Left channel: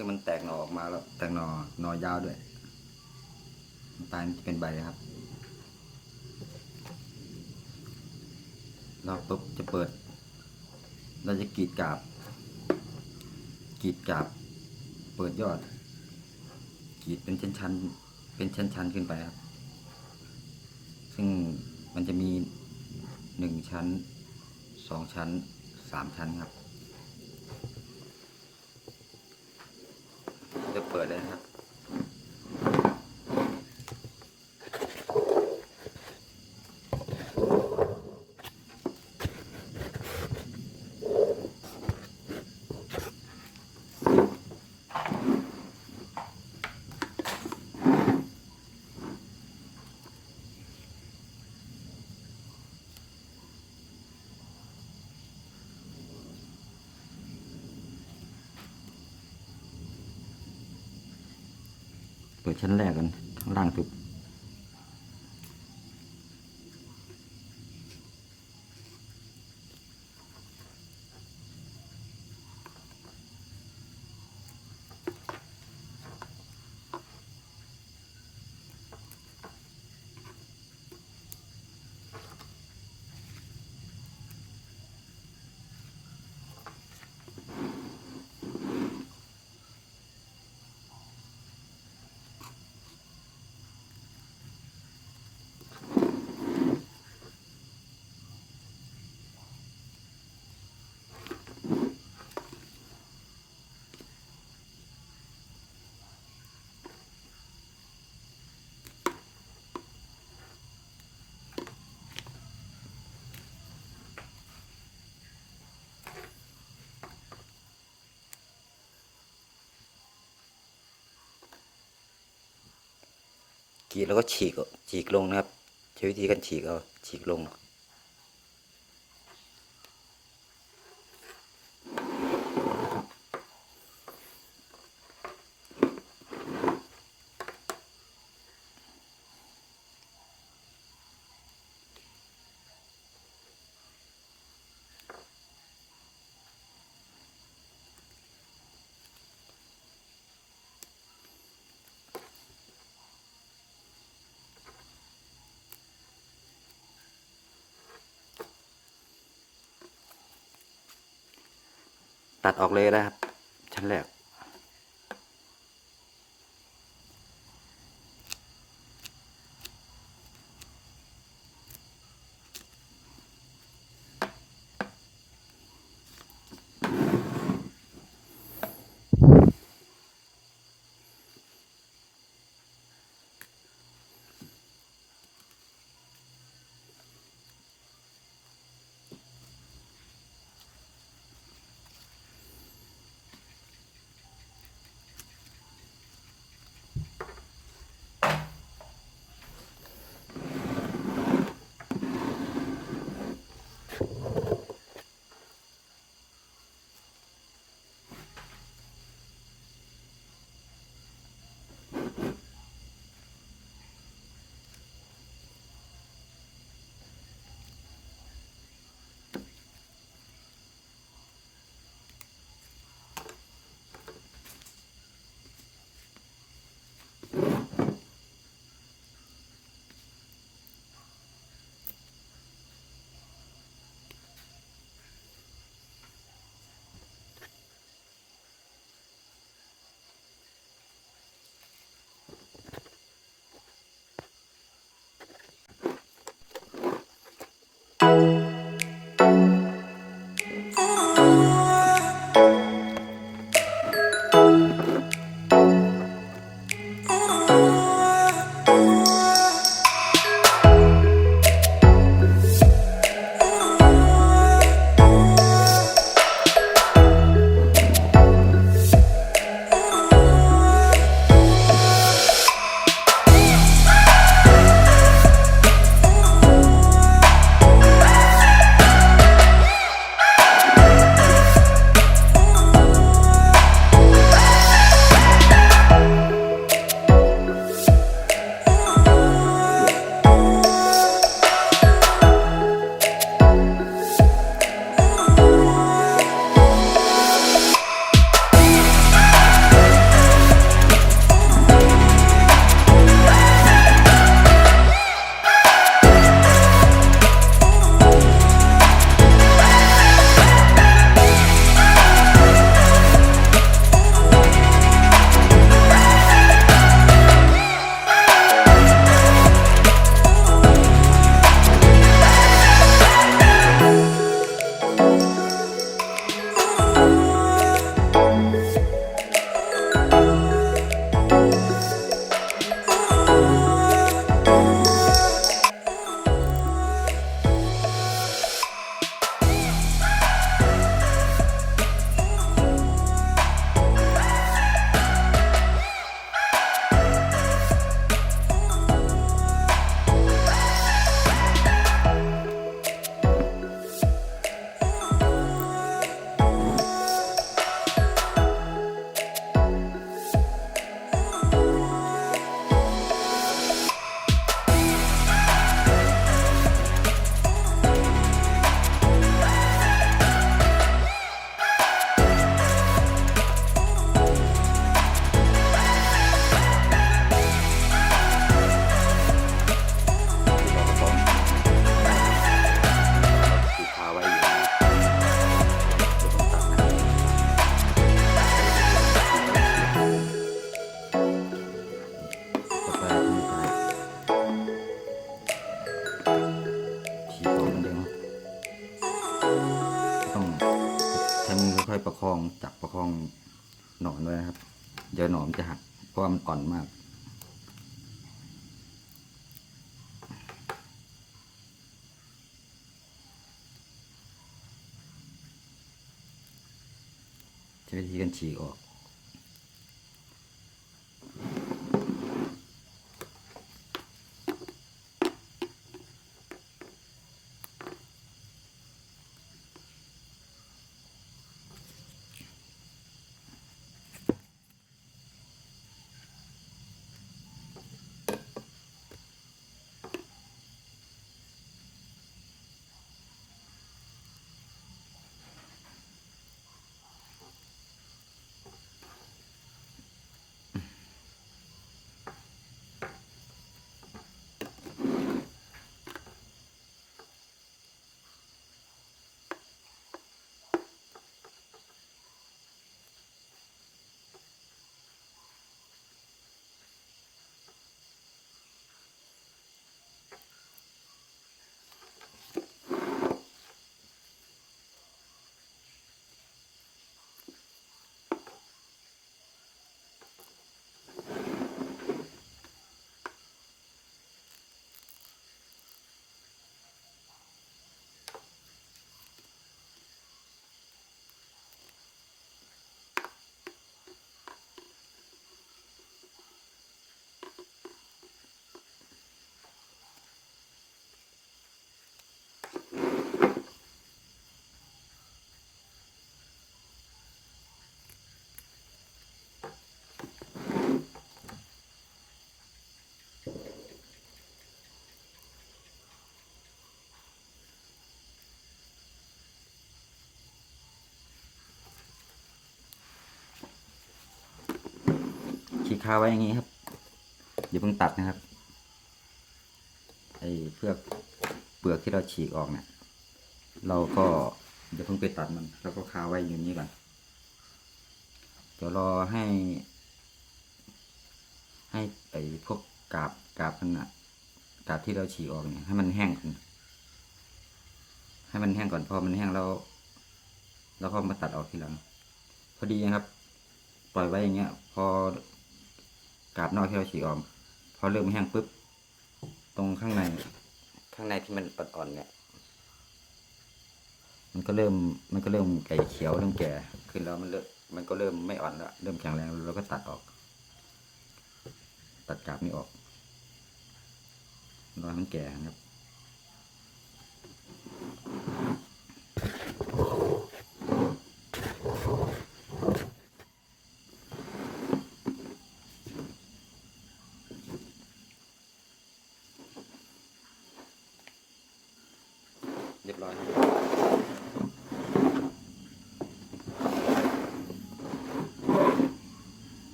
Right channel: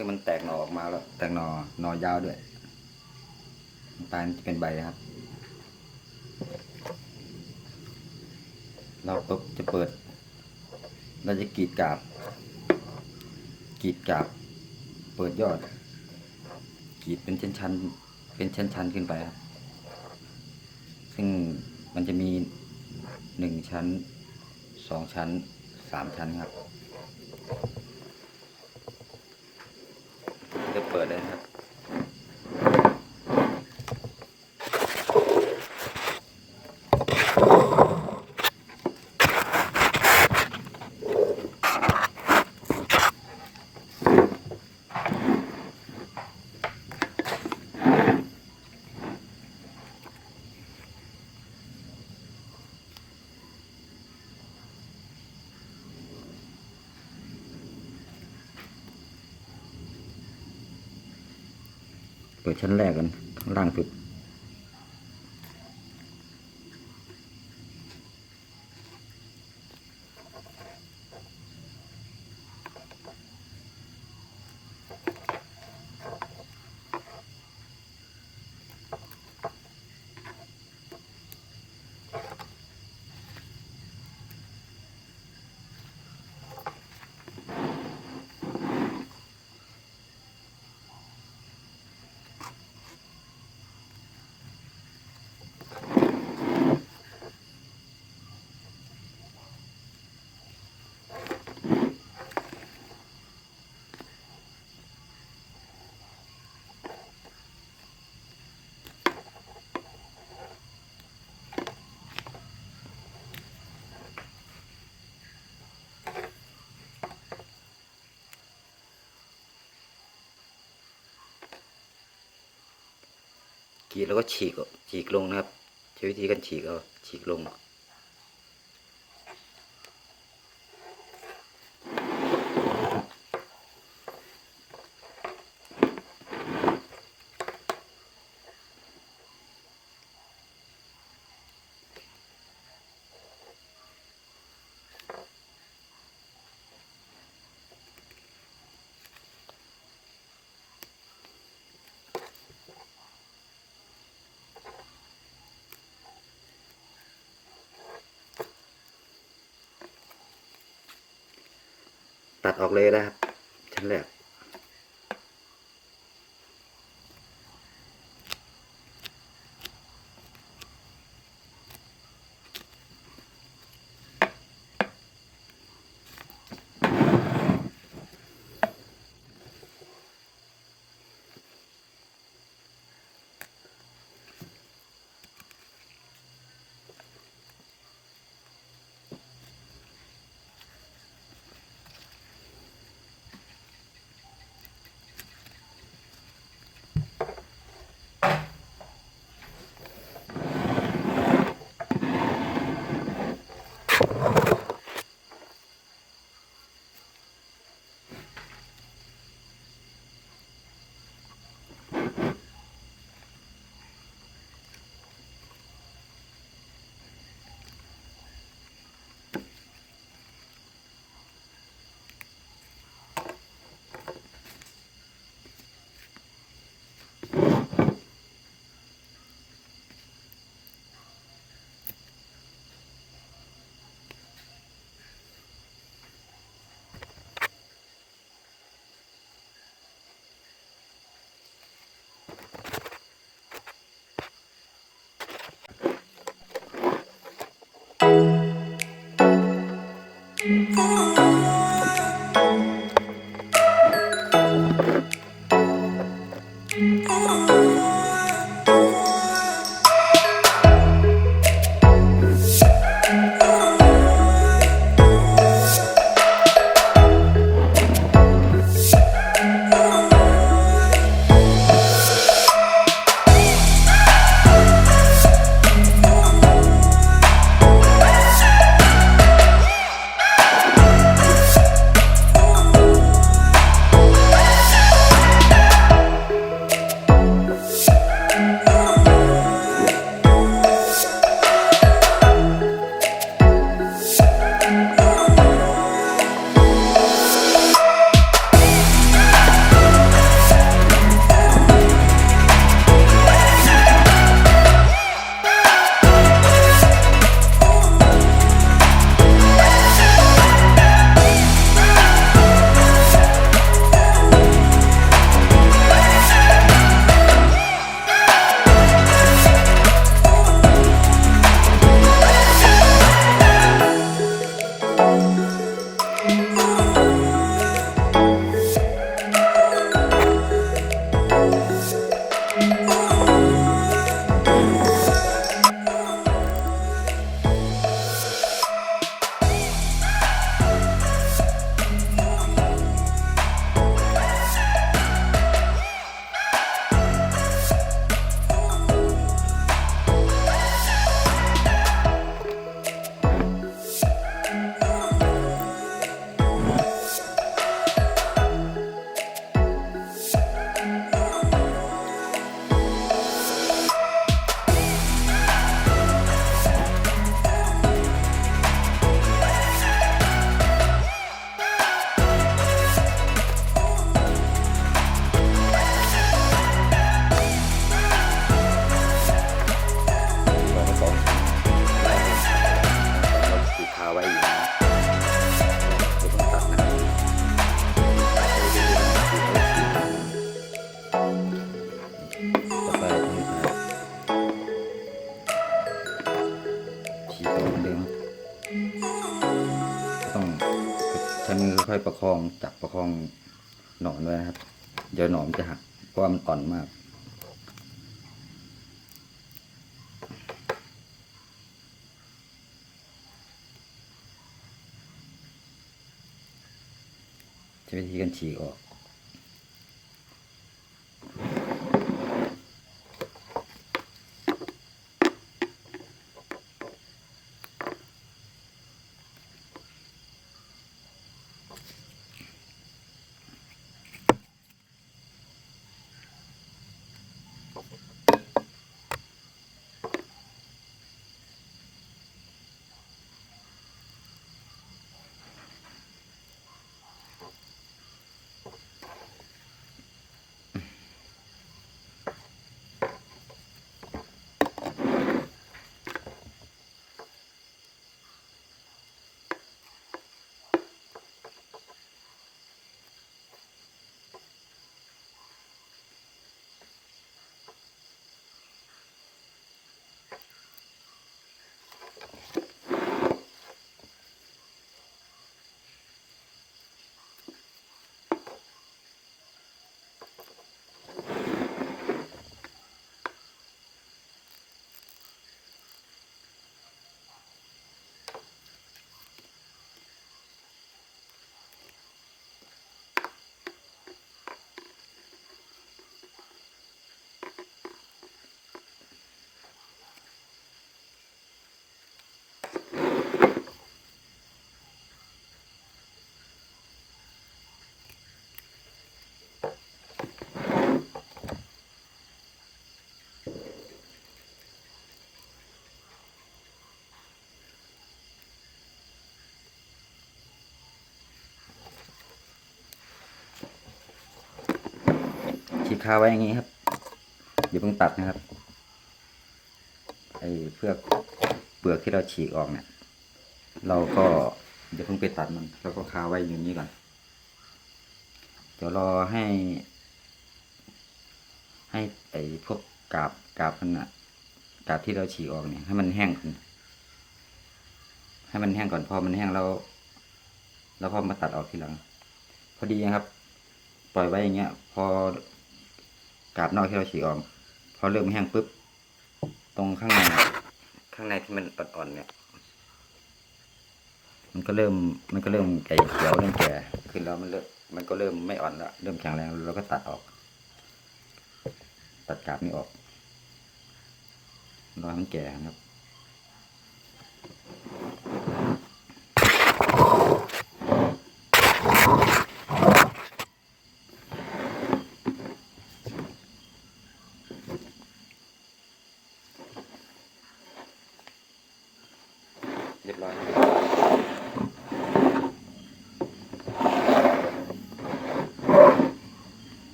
ซึ่งมันแตกหน่อออกมาแล้ว แตกหน่อหน่อยาวด้วยปลายมันจะเป็นใบครับ เราปุ๊บจะเปิด เราจะกรีดกาบกรีดกาบ เปิดยอดกรีดเป็นชั้นๆเป็นชั้นๆขึ้นไปครับ ซึ่งมันจะมีหนึ่งชั้นสองชั้นสามชั้นครับ จะเปิดเลยนะครับ เปิดชั้นแรกกันข้างล่างสุด กรีดแล้วก็ฉีกฉีกลงนะครับใช้วิธีการฉีกเอาฉีกลง ตัดออกเลยนะครับ ชั้นแรก ค่อยๆประคองจับประคองหนอนไว้ครับ เดี๋ยวหนอนจะหักเพราะมันอ่อนมากใช้วิธีการฉีกออกาไว้อย่างนี้ครับอย่าเพิ่งตัดนะครับไอ้เพื่อกเปลือกที่เราฉีกออกเนี่ยเราก็อย่าเพิ่งไปตัดมันแล้วก็คาไว้อย่างนี้ก่อนเดี๋ยวรอให้ ให้ไอ้พวกกาบกาบมันอะกาบที่เราฉีกออกเนี่ยให้มันแห้งก่อนให้มันแห้งก่อนพอมันแห้งแล้วแล้วก็มาตัดออกทีหลัง พอดีนะครับ ปล่อยไว้อย่างเงี้ย พอ กาบนอกที่เราฉีกออกพอเริ่มแห้งปุ๊บ ตรงข้างในอะข้างในที่มันอ่อนๆเนี่ย มันก็เริ่ม มันก็เริ่มไก่เขียวเริ่มแก่ขึ้นแล้วมันเริ่มมันก็เริ่มไม่อ่อนแล้วเริ่มแข็งแรงแล้วเราก็ตัดออก ตัดกาบนี้ออกรอให้มันแก่ครับ เรียบร้อยครับ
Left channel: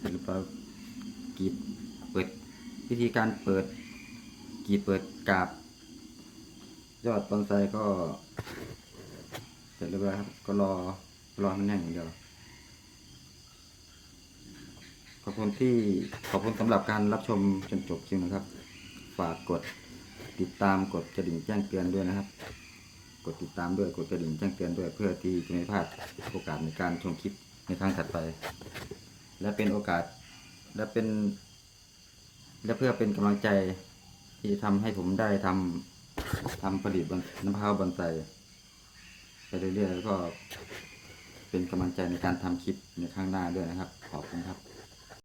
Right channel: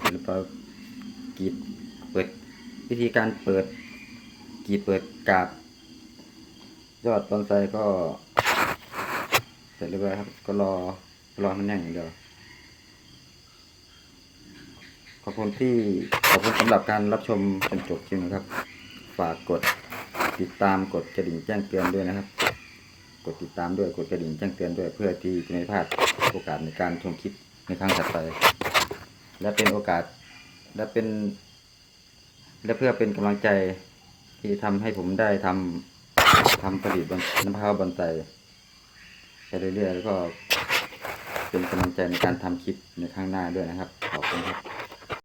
เรียบร้อยกรีดเปิดวิธีการเปิดกรีดเปิดกาบ ยอดบอนไซก็ เสร็จเรียบร้อยครับ ก็รอรอมันแห้งอย่างเดียว ข อบคุณที่ขอบคุณสำหรับการรับชมจนจบคลิปนะครับ ฝากกดติดตามกดกระดิ่งแจ้งเตือนด้วยนะครับ กดติดตามด้วยกดกระดิ่งแจ้งเตือนด้วยเพื่อที่จะไม่พลาดโอกาสในการชมคลิปในครั้งถัดไป และเป็นโอกาสและเป็น และเพื่อเป็นกำลังใจที่ทำให้ผมได้ทำทำผลิตบนน้ำพร้าวบอนไซไปเรื่อยๆแล้วก็เป็นกำลังใจในการทำคลิปในข้างหน้าด้วยนะครับ ขอบคุณครับ